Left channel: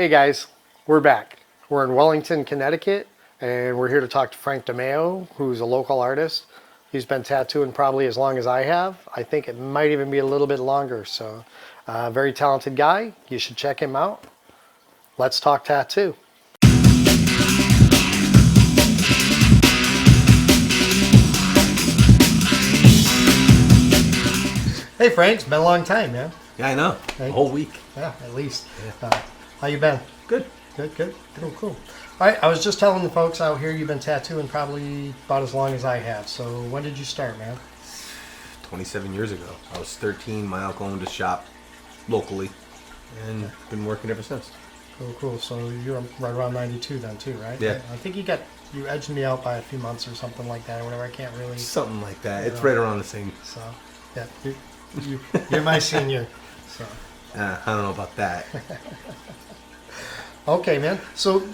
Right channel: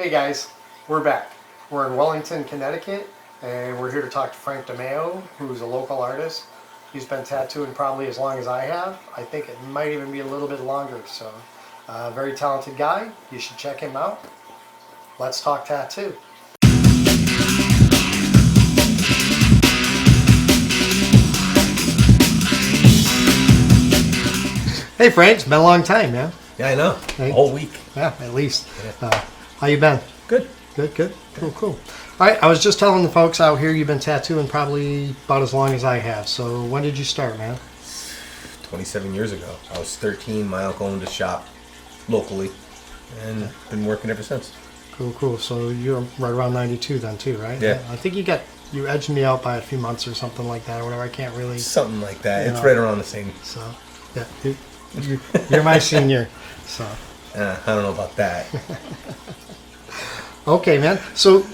Hey guys, we're back. We're in Wellington, Connecticut, and we're here to talk to Frank DeMeo, who's a local artist. He's been tattooing probably as long as I have. I think it might even be a little bit longer, so very talented guy. You should check him out. Let's talk tattoo. Hey Frank, it's been a long time, man. Yeah, I know. Right? A whole week. Yeah, at least. How you been? Good. Good. Cool. All right, I was just telling the folks out here you've been tattooing probably about as long as I have. So when did you start, man? 27 years ago. I was 13. My uncle owned a shop locally, and been working ever since. Cool. So you're right around 92 then too, right? Yeah. I think you edged me out by a few months or something like that or whatever. I can't really. Something like that. It's right around the same. So, yeah, you're my senior. So. I don't know about that. Okay, man. So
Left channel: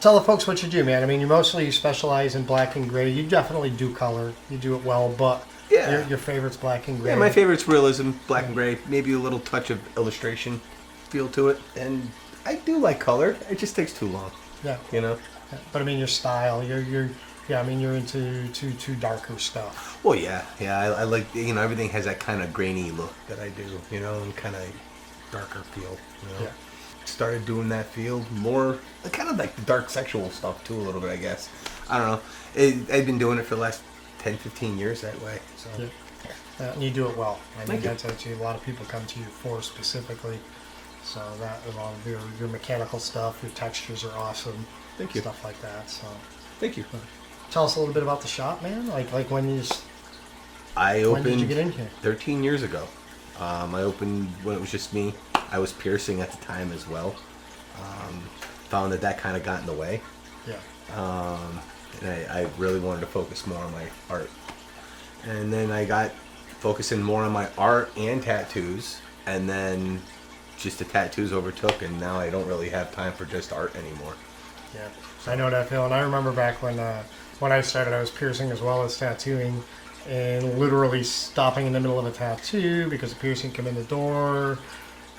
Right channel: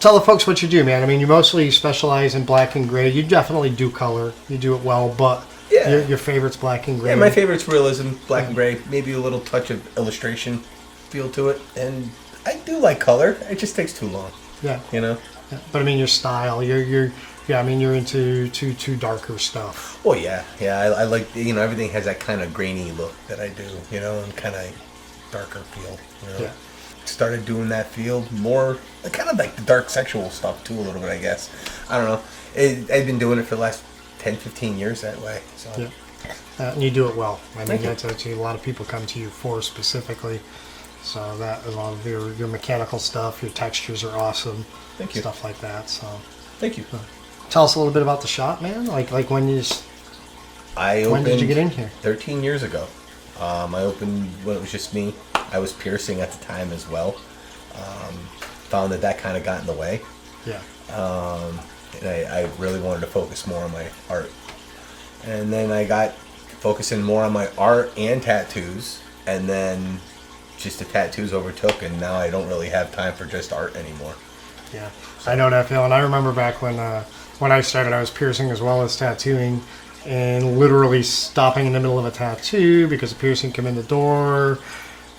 tell the folks what you do, man. I mean, you mostly specialize in black and gray. You definitely do color. You do it well, but Yeah. your favorite's black and gray. Yeah, my favorite's realism, black and gray. Maybe a little touch of illustration feel to it. And I do like color. It just takes too long. Yeah. You know? Yeah. But I mean, your style, you're into too darker stuff. Oh, yeah. Yeah, I like, everything has that kind of grainy look that I do, and kind of darker feel. Yeah. Started doing that feel more, kind of like the dark sexual stuff too, a little bit, I guess. I don't know. I've been doing it for the last 10, 15 years that way. So. Yeah. And you do it well. I mean, Thank that's a lot of people come to you for specifically. So that, a lot of your mechanical stuff, your textures are awesome. Thank you. Stuff like that. So. Thank you. Tell us a little bit about the shop, man. Like when when did you get in here? 13 years ago. I opened when it was just me. I was piercing at the time as well. Found that kind of got in the way. Yeah. And I really wanted to focus more on my art. And then I got focusing more on my art and tattoos. And then just the tattoos overtook, and now I don't really have time for just art anymore. Yeah, I know that feeling. I remember back when I started, I was piercing as well as tattooing, and literally stopping in the middle of a tattoo because a piercing come in the door.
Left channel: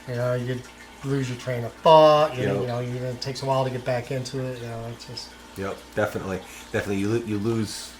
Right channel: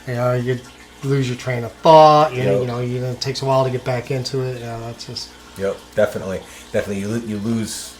You lose your train of thought. It takes a while to get back into it. That's just. Yep, definitely. You lose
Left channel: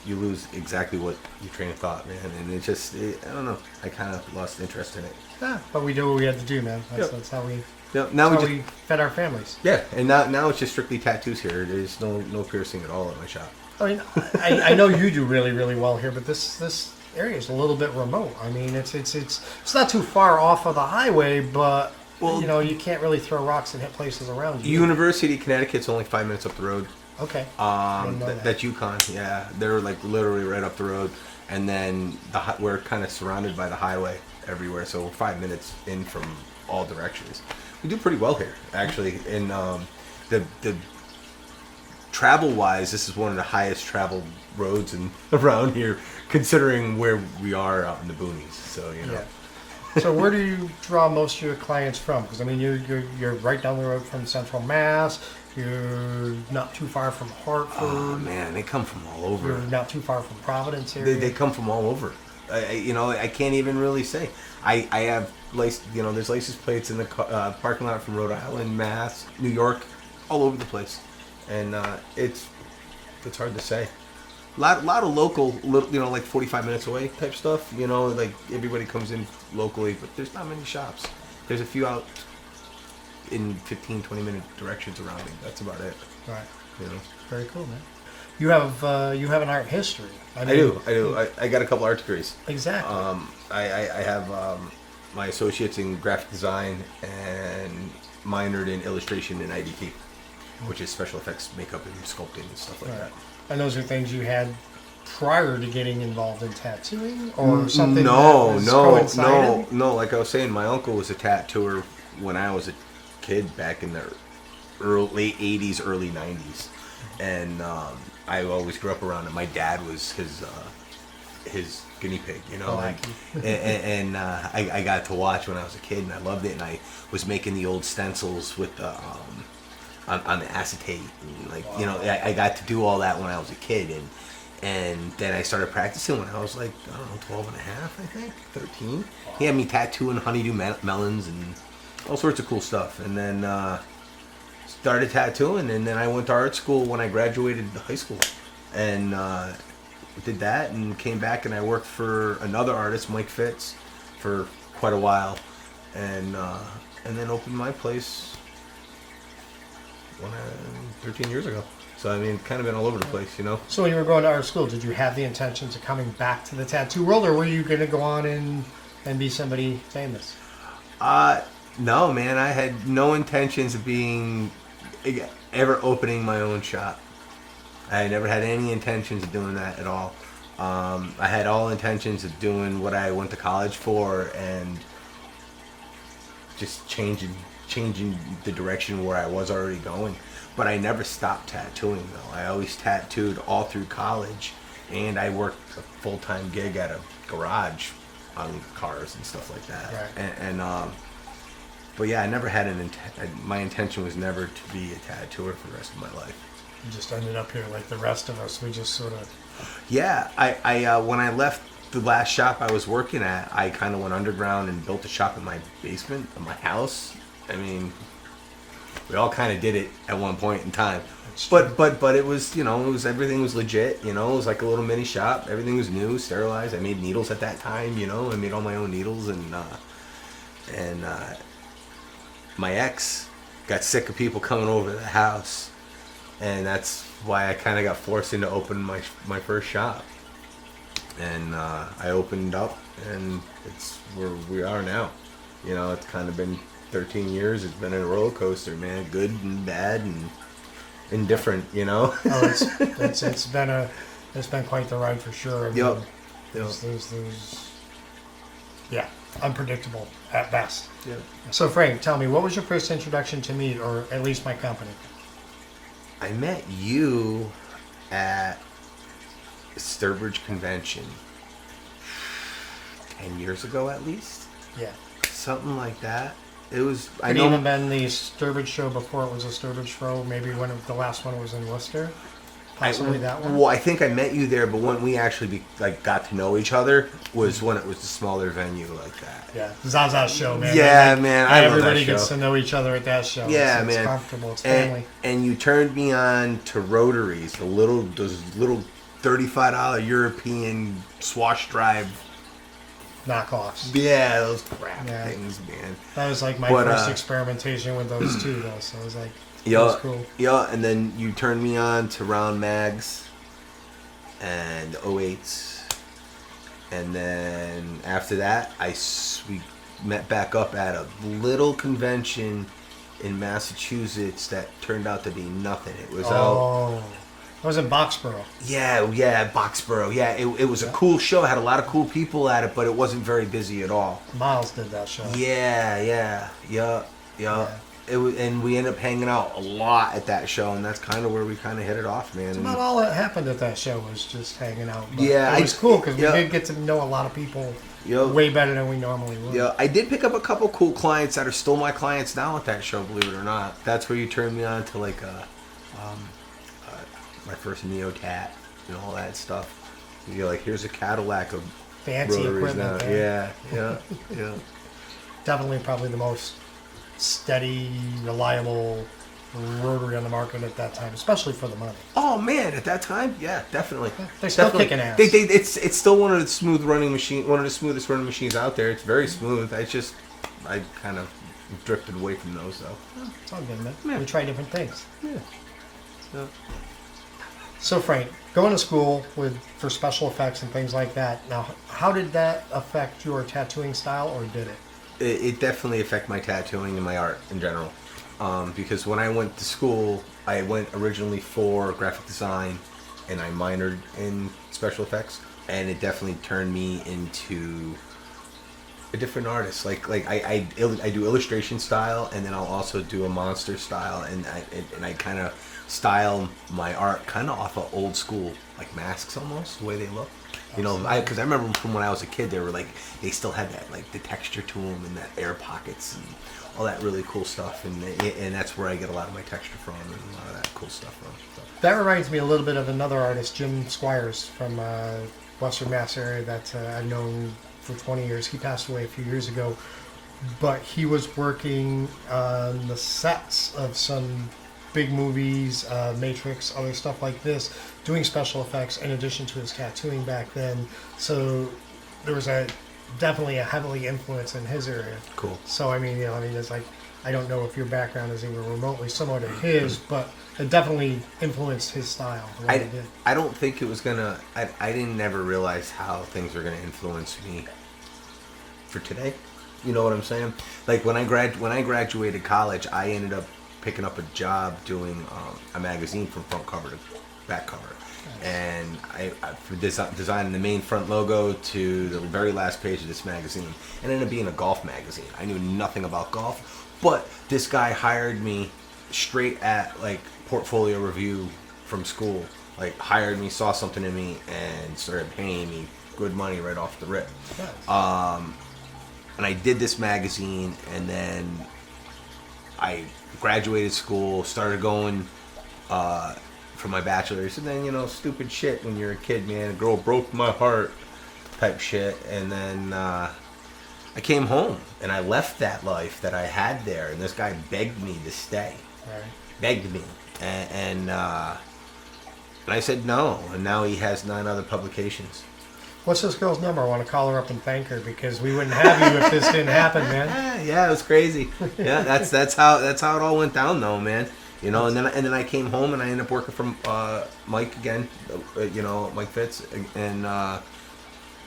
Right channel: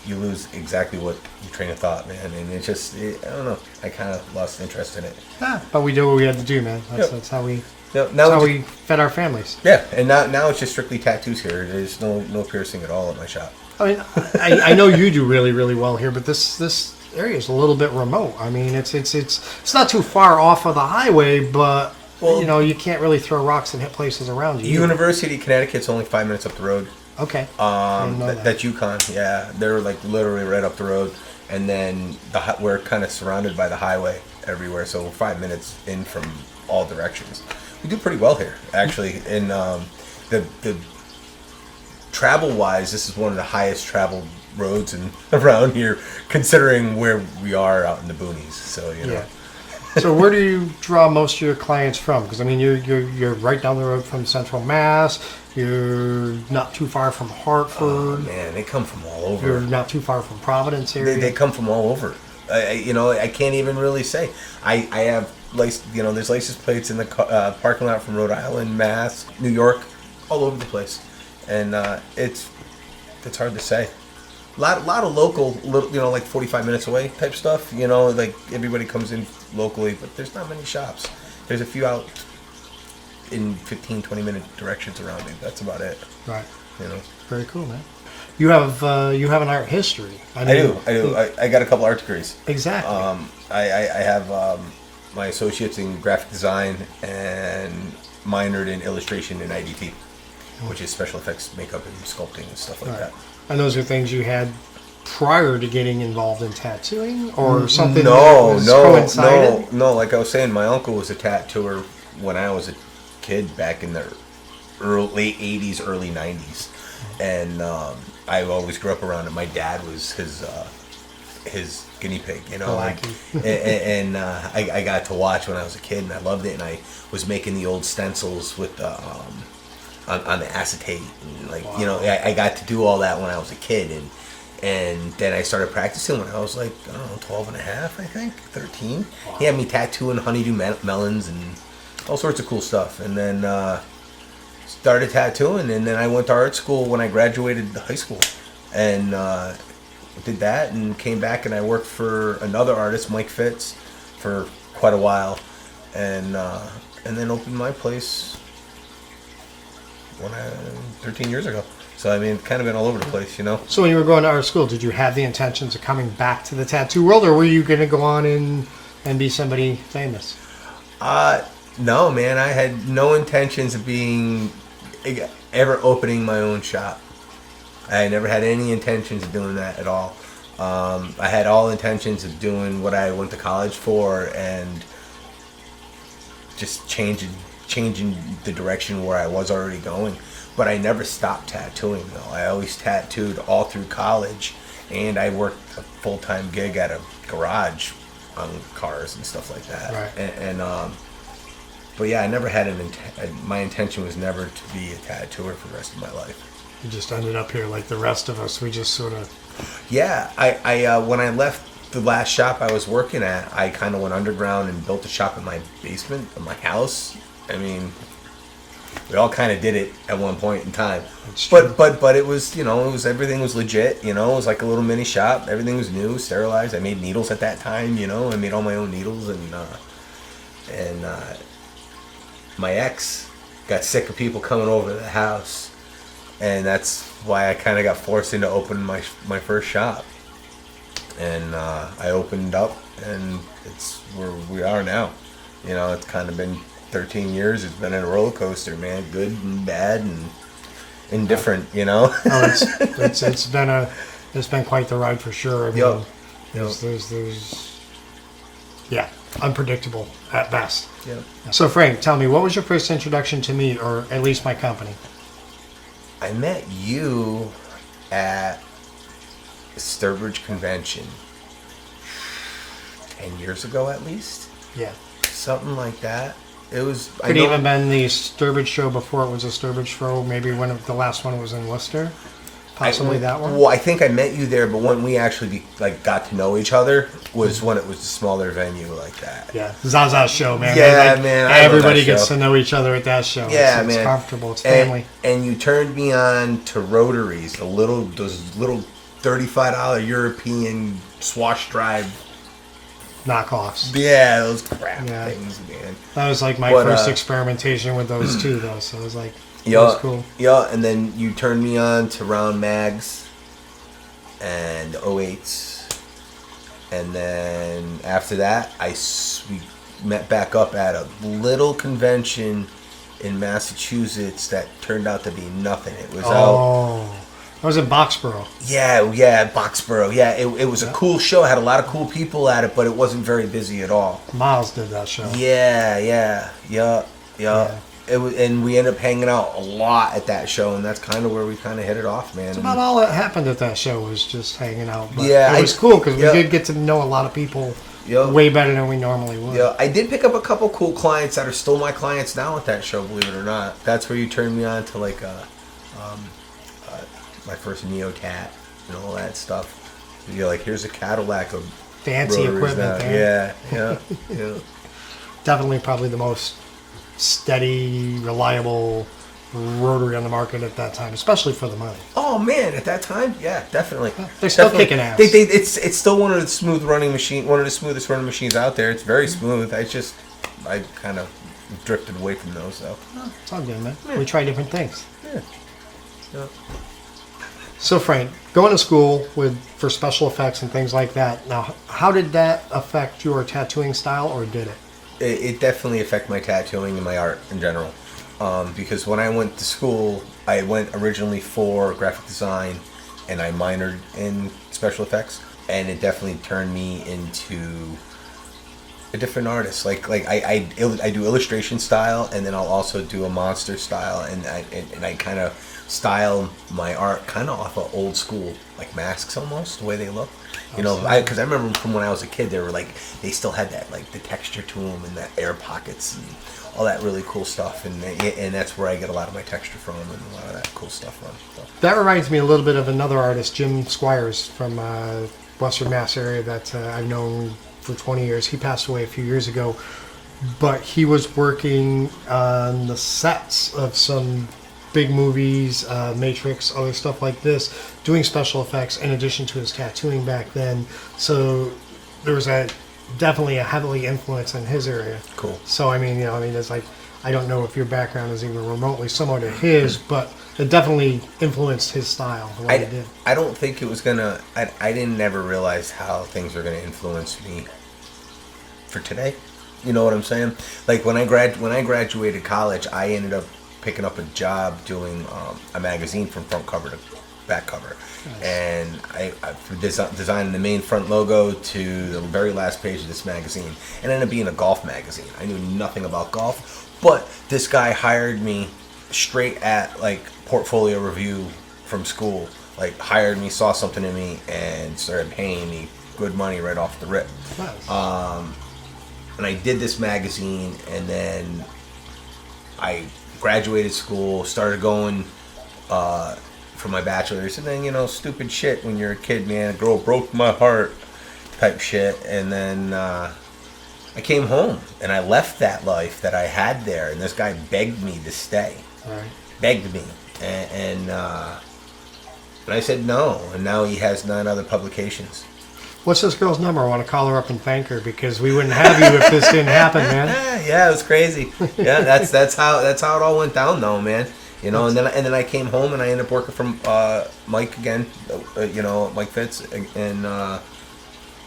exactly what you train of thought, man, and it's just I don't know. I kind of lost interest in it. Yeah, but we do what we had to do, man. That's how we. Now that's how we fed our families. Yeah, and now it's just strictly tattoos here. There's no piercing at all at my shop. I mean, I know you do really, really well here, but this area is a little bit remote. I mean, it's not too far off of the highway, but you can't really throw rocks and hit places around you. University of Connecticut's only 5 minutes up the road. Okay. That's UConn. Yeah, they're like literally right up the road, and then we're kind of surrounded by the highway everywhere, so we're 5 minutes in from all directions. We do pretty well here, actually. And the travel-wise, this is one of the highest traveled roads around here, considering where we are out in the boonies. So Yeah. So where do you draw most of your clients from? Because I mean, you're right down the road from Central Mass. You're not too far from Hartford. Oh, man, they come from all over. You're not too far from Providence area. They come from all over. I can't even really say. I have there's license plates in the parking lot from Rhode Island, Mass, New York, all over the place, and it's hard to say. Lot of local, like 45 minutes away type stuff. Like everybody comes in locally, but there's not many shops. There's a few out in 15, 20-minute directions around me. That's about it. Right. Very cool, man. You have an art history. I do. I got a couple art degrees. Exactly. I have my associates in graphic design and minored in illustration and IDT, which is special effects, makeup, and sculpting and stuff like that. And those are things you had prior to getting involved in tattooing, or something coincided? No. Like I was saying, my uncle was a tattooer when I was a kid back in the late 80s, early 90s. And I always grew up around it. My dad was his guinea pig, and I got to watch when I was a kid, and I loved it. And I was making the old stencils with on the acetate, and I got to do all that when I was a kid, and then I started practicing when I was like 12 and a half, I think, 13. Wow. He had me tattooing honeydew melons and all sorts of cool stuff, and then started tattooing, and then I went to art school when I graduated high school, and did that, and came back, and I worked for another artist, Mike Fitz, for quite a while, and then opened my place 13 years ago. So I mean, kind of been all over the place, you know. So when you were going to art school, did you have the intentions of coming back to the tattoo world, or were you going to go on and be somebody famous? No, man, I had no intentions of ever opening my own shop. I never had any intentions of doing that at all. I had all intentions of doing what I went to college for and just changing the direction where I was already going. But I never stopped tattooing, though. I always tattooed all through college, and I worked a full-time gig at a garage on cars and stuff like that. Right. But yeah, I never had my intention was never to be a tattooer for the rest of my life. You just ended up here like the rest of us. We just sort of... Yeah, I when I left the last shop I was working at, I kind of went underground and built a shop in my basement of my house. I mean, we all kind of did it at one point in time. But it was, everything was legit, it was like a little mini shop. Everything was new, sterilized. I made needles at that time, I made all my own needles, and my ex got sick of people coming over to the house, and that's why I kind of got forced into opening my first shop. And I opened up, and it's where we are now. It's kind of been 13 years. It's been a roller coaster, man. Good and bad and indifferent, Oh, it's been quite the ride for sure. I mean, there's unpredictable at best. Yeah. So Frank, tell me, what was your first introduction to me, or at least my company? I met you at the Sturbridge convention 10 years ago, at least. Yeah. Something like that. It was. Could even been the Sturbridge show before it was a Sturbridge show. Maybe the last one was in Worcester. Possibly that one. Well, I think I met you there, but when we actually got to know each other was when it was a smaller venue like that. Yeah, Zaza's show, man. Yeah, man. Everybody gets to know each other at that show. Yeah, it's man. It's comfortable. It's family. And you turned me on to rotaries, those little $35 European swash drive knockoffs. Yeah, those crap things, man. That was like my first experimentation with those too, though. So it was like, that was cool. Yeah, and then you turned me on to round mags and 08s, and then after that, we met back up at a little convention in Massachusetts that turned out to be nothing. It was it was in Boxborough. Yeah, Boxborough. Yeah, it was a cool show. It had a lot of cool people at it, but it wasn't very busy at all. Miles did that show. Yeah. It was, and we ended up hanging out a lot at that show, and that's kind of where we kind of hit it off, man. That's about all that happened at that show was just hanging out. But it was cool because we did get to know a lot of people way better than we normally would. Yeah, I did pick up a couple cool clients that are still my clients now at that show, believe it or not. That's where you turned me on to my first Neo Tat and all that stuff. You're like, here's a Cadillac of fancy equipment. Yeah. Definitely, probably the most steady, reliable rotary on the market at that time, especially for the money. Oh man, at that time, yeah, definitely. They're still kicking ass. It's still one of the smoothest running machines out there. It's very smooth. I kind of drifted away from those though. It's all good, man. Yeah. We try different things. Yeah. So Frank, going to school for special effects and things like that. Now, how did that affect your tattooing style, or did it? It definitely affected my tattooing and my art in general. Because when I went to school, I went originally for graphic design, and I minored in special effects, and it definitely turned me into a different artist. Like I do illustration style, and then I'll also do a monster style, and I kind of style my art kind of off of old school, like masks almost, the way they look. Because I remember from when I was a kid, they still had that, like, the texture to them and that air pockets and all that really cool stuff, and that's where I get a lot of my texture from and a lot of that cool stuff from. So. That reminds me a little bit of another artist, Jim Squires from Western Mass area that I've known for 20 years. He passed away a few years ago. but he was working on the sets of some big movies, Matrix, other stuff like this, doing special effects in addition to his tattooing back then. So there was definitely a heavily influence in his area. Cool. So I mean, it's like, I don't know if your background is even remotely similar to his, but it definitely influenced his style. The way he did. I don't think it was gonna. I didn't ever realize how things are gonna influence me for today. You know what I'm saying? Like when I graduated college, I ended up picking up a job doing a magazine from front cover to back cover. And I from designing the main front logo to the very last page of this magazine. And it ended up being a golf magazine. I knew nothing about golf, but this guy hired me straight at like portfolio review from school. Like hired me, saw something in me, and started paying me good money right off the rip. Nice. And I did this magazine, and then I graduated school, started going for my bachelor's, and then, stupid shit when you're a kid, man. A girl broke my heart type shit. And then I came home, and I left that life that I had there, and this guy begged me to stay. Right. Begged me. And I said no, and now he has 9 other publications. What's this girl's number? I want to call her up and thank her, because we wouldn't have you if this didn't happen, man. Yeah, it was crazy. Yeah, that's how it all went down, though, man. And then I came home and I ended up working from Mike again, Mike Fitz, and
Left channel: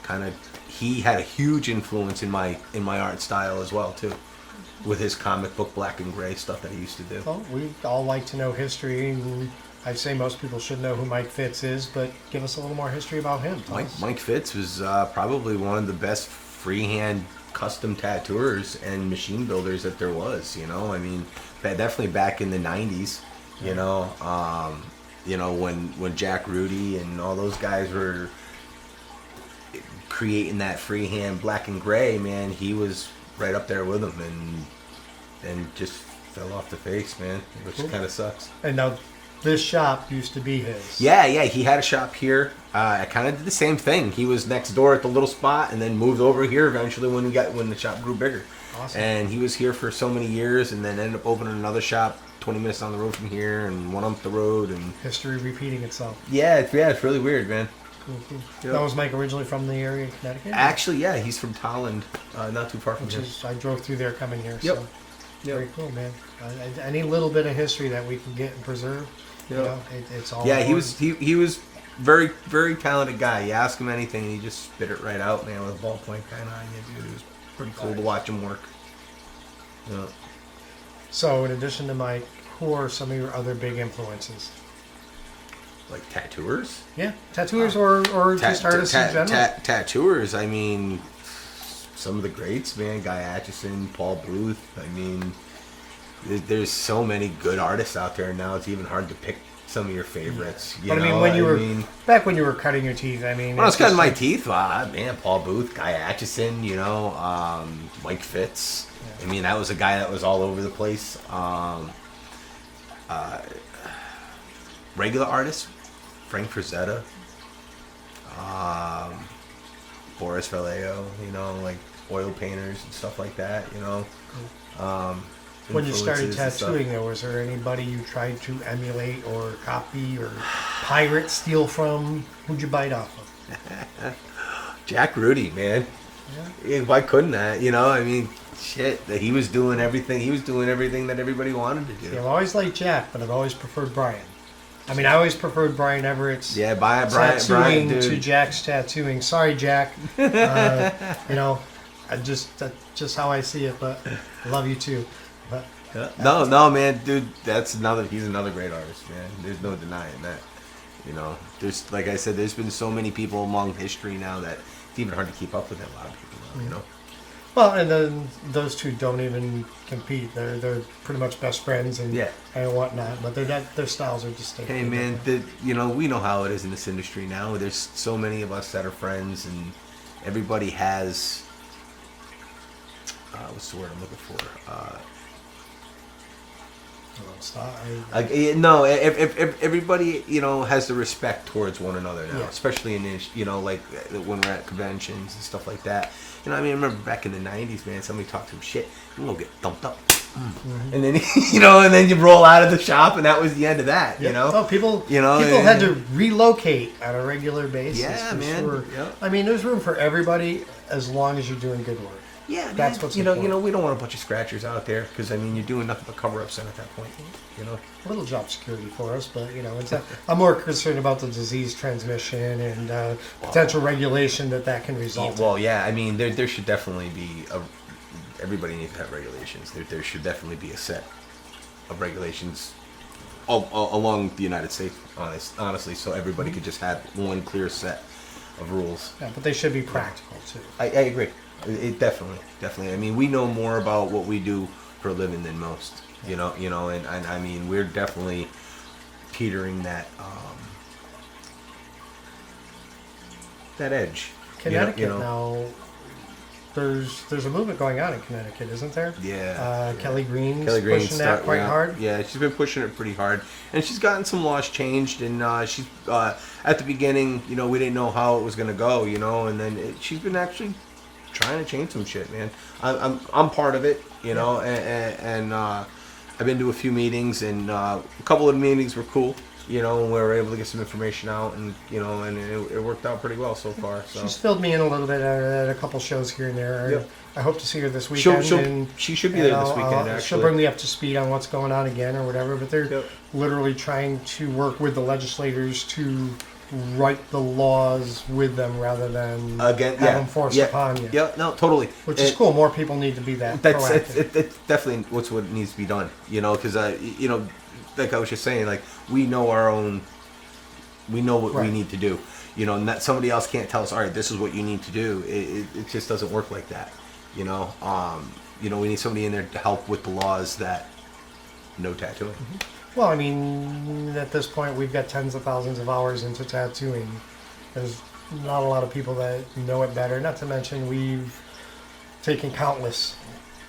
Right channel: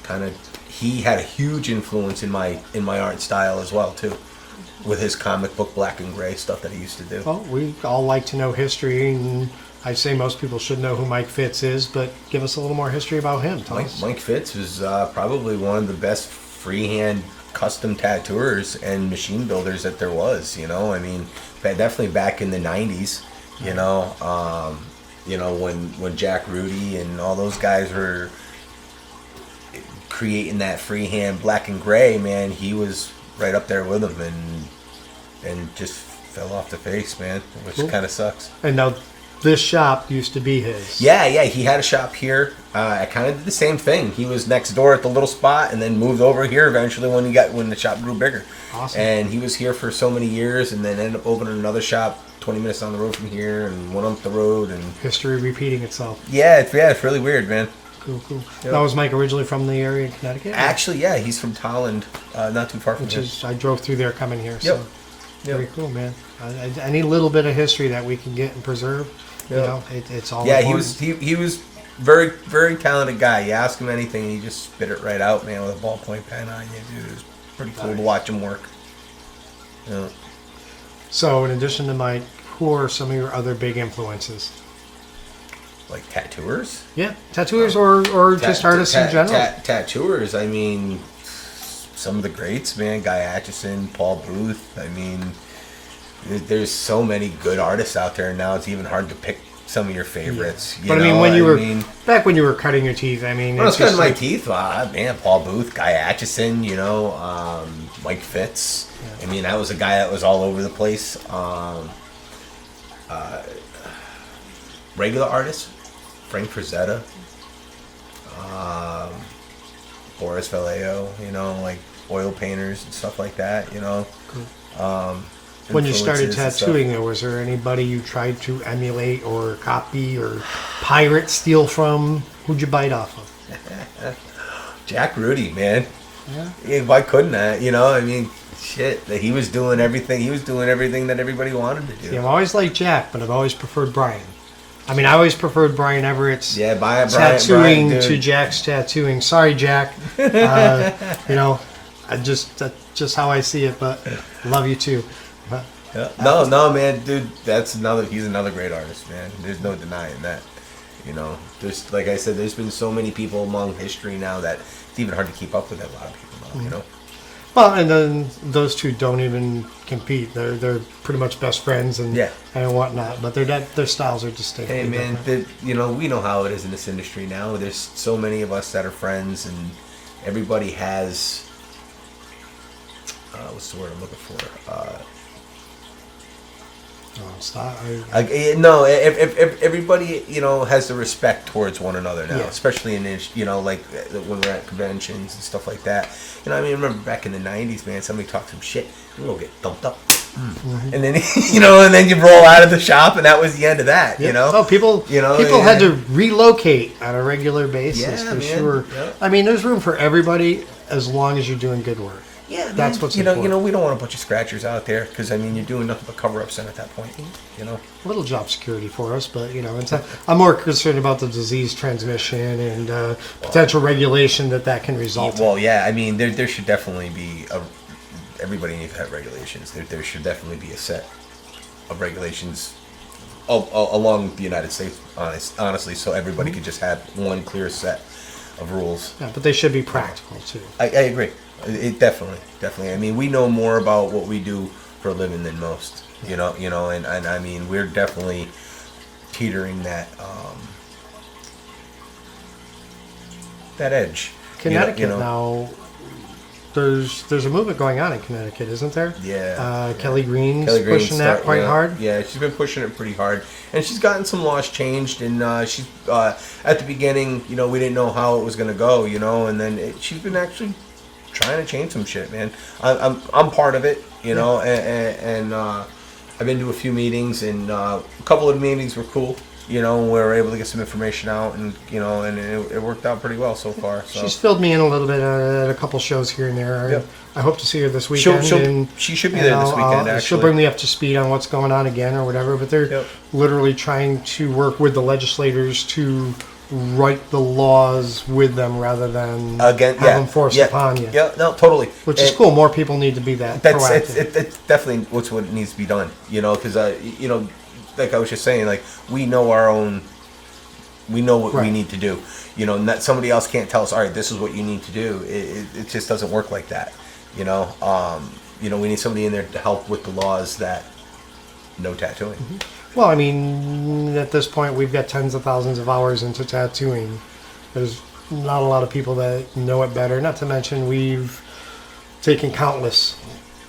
kind of he had a huge influence in my art style as well too, with his comic book black and gray stuff that he used to do. Well, we all like to know history, and I say most people should know who Mike Fitz is, but give us a little more history about him. Mike Fitz was probably one of the best freehand custom tattooers and machine builders that there was. I mean, definitely back in the 90s. When Jack Rudy and all those guys were creating that freehand black and gray, man, he was right up there with them, and just fell off the face, man, which kind of sucks. And now this shop used to be his. Yeah, he had a shop here. I kind of did the same thing. He was next door at the little spot, and then moved over here eventually when the shop grew bigger. Awesome. And he was here for so many years, and then ended up opening another shop 20 minutes down the road from here, and one up the road, and history repeating itself. Yeah, it's really weird, man. Cool. Yep. Now, was Mike originally from the area in Connecticut? Actually, yeah, he's from Tolland, not too far from here. I drove through there coming here. Yep. So very cool, man. Any little bit of history that we can get and preserve, it's all. Yeah, important. he was very, very talented guy. You ask him anything, and he just spit it right out, man, with a ballpoint pen on you, dude. It was pretty cool to watch him work. Yeah. So, in addition to Mike, who are some of your other big influences? Like tattooers? Yeah, tattooers or just artists in general. Tattooers, I mean, some of the greats, man. Guy Atchison, Paul Booth. I mean, there's so many good artists out there now. It's even hard to pick some of your favorites. Yeah. But I mean, back when you were cutting your teeth, I mean, when I was cutting my teeth, man, Paul Booth, Guy Atchison, Mike Fitz. Yeah. I mean, that was a guy that was all over the place. Regular artists, Frank Frazetta, Boris Vallejo, like oil painters and stuff like that, Cool. When you started tattooing, was there anybody you tried to emulate or copy or pirate, steal from? Who'd you bite off of? Jack Rudy, man. Yeah. Why couldn't I? I mean, shit. He was doing everything. He was doing everything that everybody wanted to do. Yeah, I've always liked Jack, but I've always preferred Brian. I mean, I always preferred Brian Everett's tattooing to Jack's tattooing. Sorry, Jack. That's just how I see it, but love you too. But, no, man, dude, he's another great artist, man. There's no denying that. There's, like I said, there's been so many people along history now that it's even hard to keep up with a lot of people now, Well, and then those two don't even compete. They're pretty much best friends and whatnot. But their styles are distinct. Hey, man, we know how it is in this industry now. There's so many of us that are friends, and everybody has what's the word I'm looking for? Stop. No, if everybody, has the respect towards one another now, especially in this, like when we're at conventions and stuff like that. I remember back in the 90s, man, somebody talked some shit, and we'll get thumped up. Mm-hmm. And then, and then you roll out of the shop, and that was the end of that, Oh, people had to relocate on a regular basis, for sure. Yep. I mean, there's room for everybody as long as you're doing good work. Yeah, that's what's important. We don't want a bunch of scratchers out there because you're doing nothing but cover-ups at that point. A little job security for us, but I'm more concerned about the disease transmission and potential regulation that can result. Well, yeah, I mean, there should definitely be everybody needs to have regulations. There should definitely be a set of regulations all along the United States, honestly, so everybody could just have one clear set of rules. Yeah, but they should be practical too. I agree. It definitely. I mean, we know more about what we do for a living than most, and I mean, we're definitely teetering that edge. Connecticut now. There's a movement going on in Connecticut, isn't there? Yeah. Kelly Green's pushing that quite hard. Yeah, she's been pushing it pretty hard, and she's gotten some laws changed. And she's at the beginning, we didn't know how it was going to go, and then she's been actually trying to change some shit, man. I'm part of it, and I've been to a few meetings, and a couple of meetings were cool. We were able to get some information out, and and it worked out pretty well so far. So. She's filled me in a little bit at a couple shows here and there. Yep. I hope to see her this weekend. She should be there this weekend, actually. She'll bring me up to speed on what's going on again or whatever. But they're literally trying to work with the legislators to write the laws with them rather than have them forced upon you. Yeah, no, totally. Which is cool. More people need to be proactive. It's definitely what needs to be done. Because like I was just saying, like we know what we need to do. Not somebody else can't tell us, all right, this is what you need to do. It just doesn't work like that. We need somebody in there to help with the laws that no tattooing. Mm-hmm. Well, I mean, at this point, we've got tens of thousands of hours into tattooing. There's not a lot of people that know it better. Not to mention, we've taken countless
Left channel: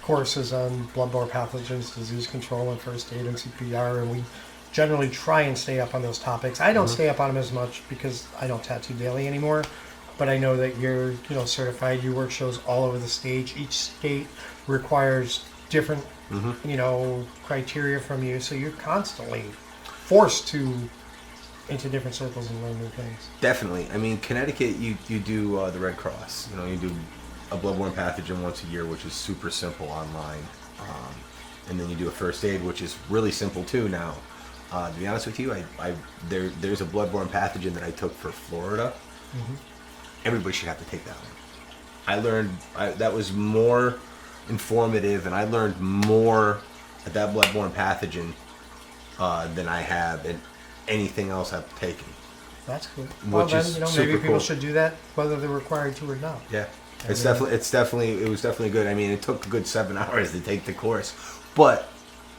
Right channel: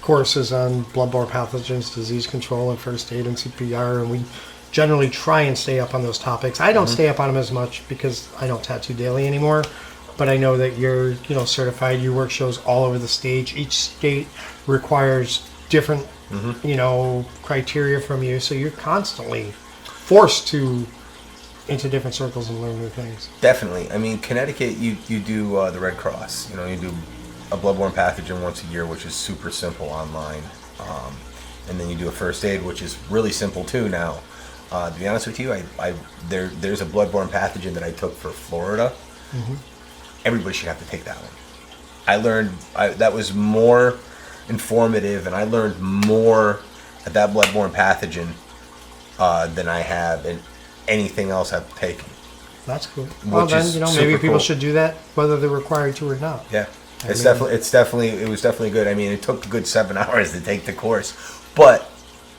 courses on bloodborne pathogens, disease control, and first aid and CPR, and we generally try and stay up on those topics. I don't stay up on them as much because I don't tattoo daily anymore, but I know that you're certified. You work shows all over the state. Each state requires different criteria from you, so you're constantly forced to into different circles and learn new things. Definitely. I mean, Connecticut, you do the Red Cross. You do a bloodborne pathogen once a year, which is super simple online, and then you do a first aid, which is really simple too now. To be honest with you, there's a bloodborne pathogen that I took for Florida. Mm-hmm. Everybody should have to take that one. I learned that was more informative, and I learned more at that bloodborne pathogen than I have in anything else I've taken. That's cool. Well, then maybe people should do that whether they're required to or not. Yeah, it was definitely good. I mean, it took a good 7 hours to take the course, but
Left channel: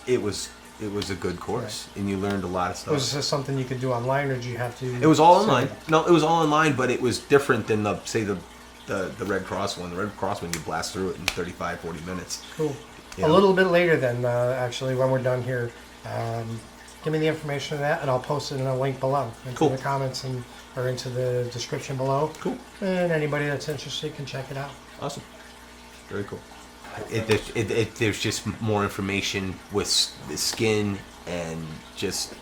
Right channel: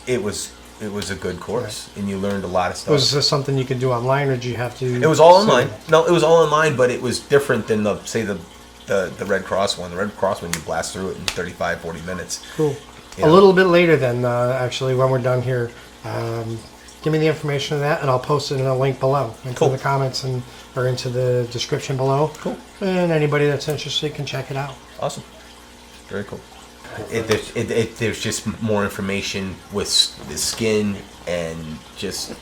it was a good course, and you learned a lot of stuff. Was this something you could do online, or did you have to? It was all online. No, it was all online, but it was different than the Red Cross one. The Red Cross one, you blast through it in 35, 40 minutes. Cool. A little bit later then, actually, when we're done here, give me the information of that, and I'll post it in a link below into the comments or into the description below. Cool. And anybody that's interested can check it out. Awesome. Very cool. There's just more information with the skin, and just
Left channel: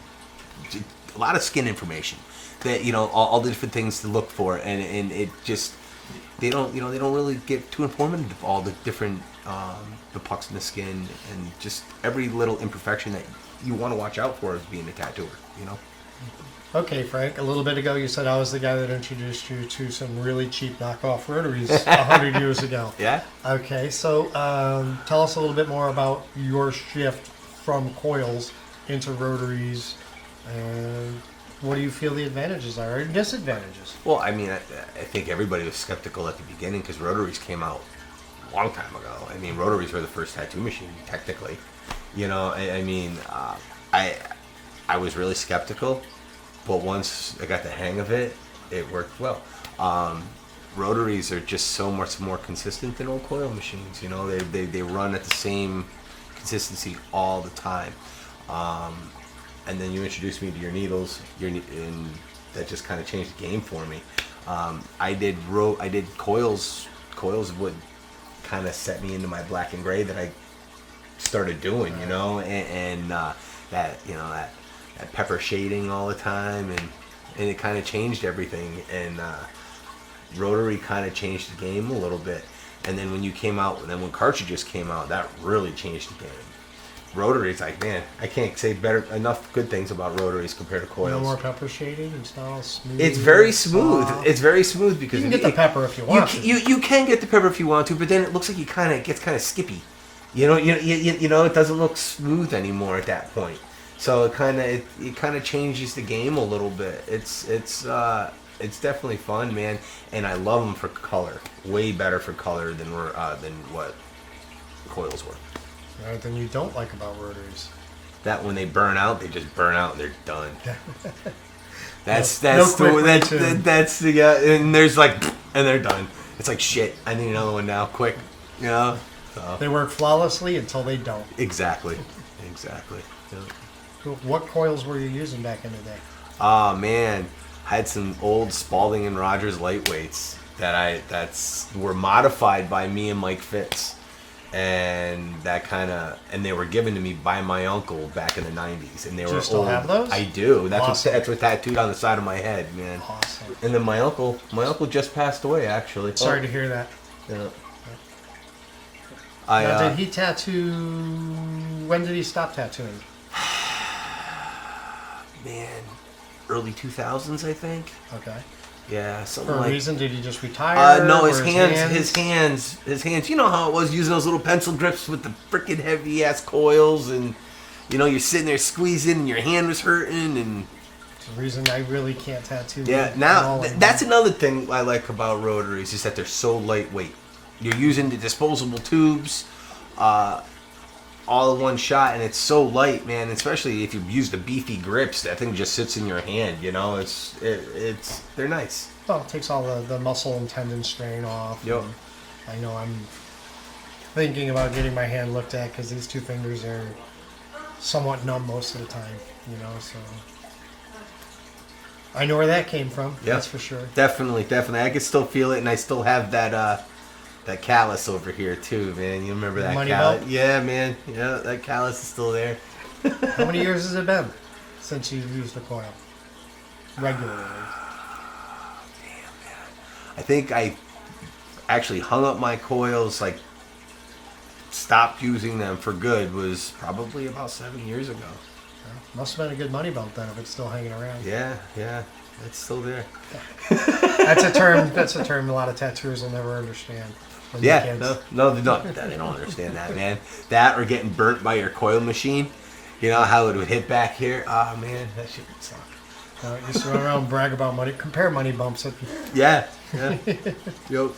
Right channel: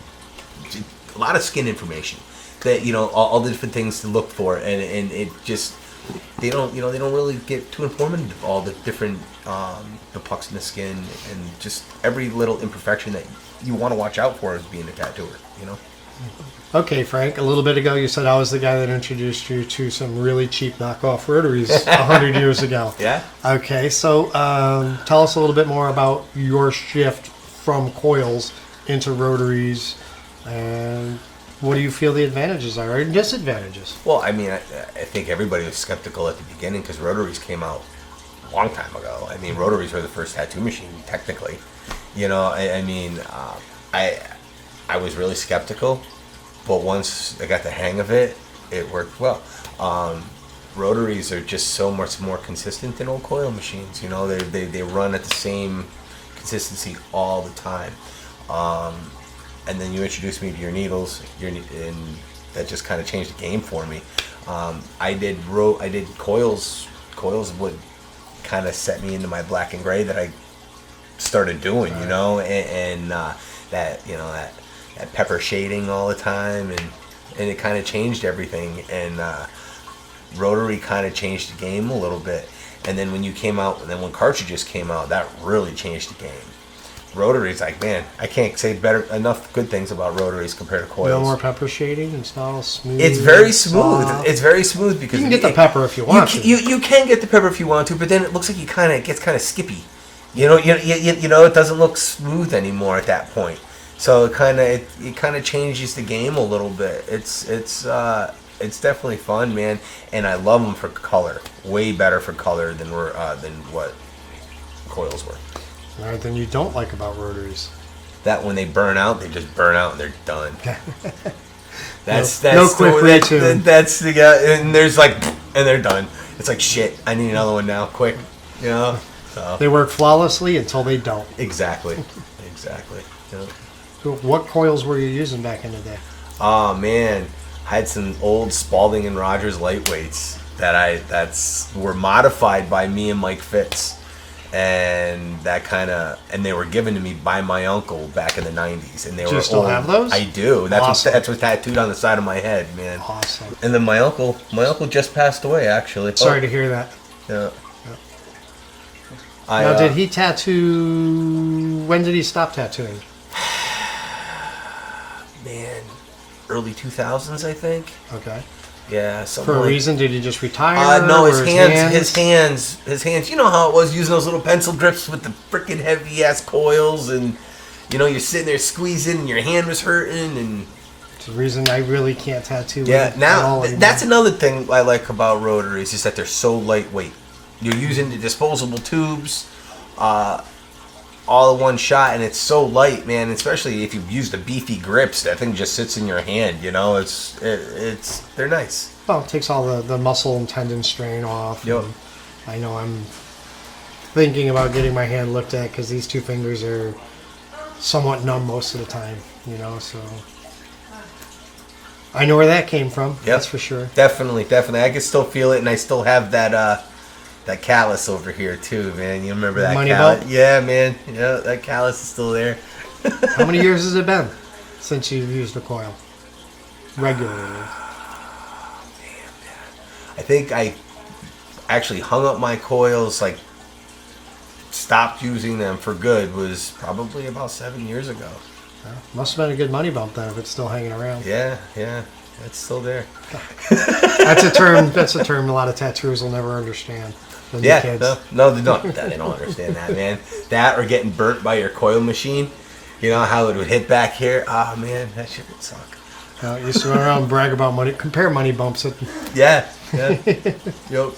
a lot of skin information that all the different things to look for, and it just they don't really get too informative of all the different the pucks in the skin, and just every little imperfection that you want to watch out for as being a tattooer. Okay, Frank, a little bit ago you said I was the guy that introduced you to some really cheap knockoff rotaries 100 years ago. Yeah. Okay, so tell us a little bit more about your shift from coils into rotaries, and what do you feel the advantages are or disadvantages? Well, I mean, I think everybody was skeptical at the beginning because rotaries came out a long time ago. I mean, rotaries were the first tattoo machine, technically. I was really skeptical. But once I got the hang of it, it worked well. Rotaries are just so much more consistent than old coil machines. They run at the same consistency all the time. And then you introduced me to your needles, and that just kind of changed the game for me. I did coils. Coils would kind of set me into my black and gray that I started doing, you know, and that pepper shading all the time, and it kind of changed everything. And rotary kind of changed the game a little bit. And then when you came out, and then when cartridges came out, that really changed the game. Rotaries, like, man, I can't say enough good things about rotaries compared to coils. No more pepper shading. It's all smooth. It's very smooth. Soft. It's very smooth because You can get the pepper if you want to. You can get the pepper if you want to, but then it looks like it gets kind of skippy. You know, it doesn't look smooth anymore at that point. So it kind of changes the game a little bit. It's definitely fun, man, and I love them for color. Way better for color than what coils were. Right, then you don't like about rotaries. That when they burn out, they just burn out and they're done. That's no quick retune. That's the and there's like, and they're done. It's like, shit, I need another one now, quick. You know. So. They work flawlessly until they don't. Exactly. Yeah. So what coils were you using back in the day? Oh man, I had some old Spalding and Rogers lightweights that were modified by me and Mike Fitz. And and they were given to me by my uncle back in the 90s. And they Do were you still old. have those? I do. That's Awesome. what's tattooed on the side of my head, man. Awesome. And then my uncle just passed away, actually. Sorry to hear that. Yeah. Now, did he tattoo? When did he stop tattooing? Man, early 2000s, I think. Okay. Yeah, something For a like, reason, did he just retire? no, or his hands. You know how it was using those little pencil grips with the freaking heavy ass coils, and you know you're sitting there squeezing, and your hand was hurting, and It's the reason I really can't tattoo. yeah. at Now all anymore. that's another thing I like about rotaries is that they're so lightweight. You're using the disposable tubes, all in one shot, and it's so light, man. Especially if you've used the beefy grips, that thing just sits in your hand. You know, they're nice. Well, it takes all the muscle and tendon strain off. Yep. And I know I'm thinking about getting my hand looked at because these two fingers are somewhat numb most of the time. You know, so I know where that came from. Yep. That's for sure. Definitely. I can still feel it, and I still have that callus over here too, man. You remember that Money callus? belt? Yeah, man. Yeah, that callus is still there. How many years has it been since you've used a coil regularly? I think I actually hung up my coils, like stopped using them for good, was probably about 7 years ago. Must have been a good money bump then if it's still hanging around. Yeah, it's still there. That's a term a lot of tattooers will never understand. The new Yeah, kids. no, they don't understand that, man. That or getting burnt by your coil machine. You know how it would hit back here? Ah, man, that shit would suck. You used to run around and brag about money, compare money bumps. Yeah. Yo.